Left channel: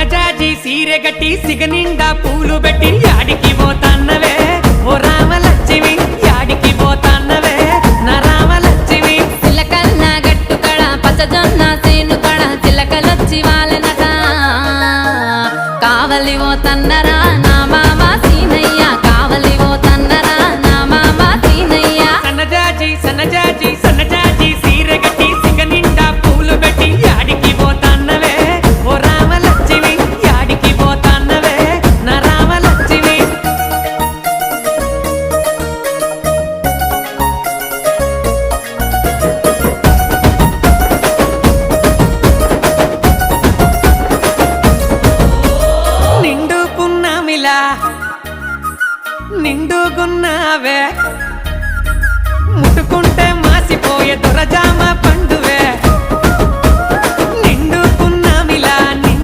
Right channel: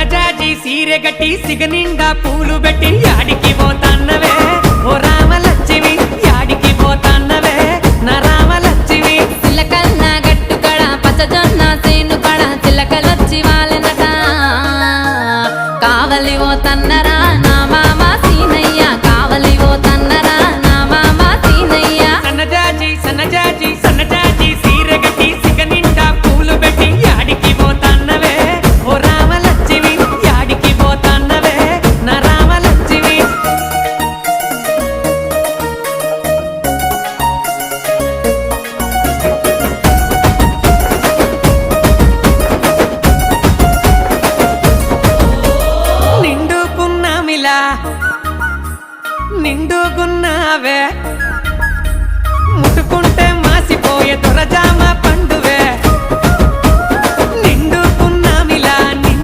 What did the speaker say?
సన్నజాజి సీరె గట్టి సిగనిండా పూలు పెట్టి యాడికి పోతాన్నవే ఓ రామలక్ష్మి యాడికి పోతాన్నవే నా రామలక్ష్మి చిలకల్ల గట్టు కడ పచ్చజొన్న సేను కడ చిలకలొచ్చి వాలెనట కావలి ఓ తన్నరా నా మామ సీనయ్య కావలి ఓ తన్నరా నా మామ సీనయ్య సన్నజాజి సన్నజాజి సన్నజాజి సీరె గట్టి సిగనిండా పూలు పెట్టి యాడికి పోతాన్నవే ఓ రామలక్ష్మి యాడికి పోతాన్నవే నా రామలక్ష్మి నిండుకున్నామిలా నిండుకున్నావే ముట్టుకుంటే మాసిపోయే దొరజామ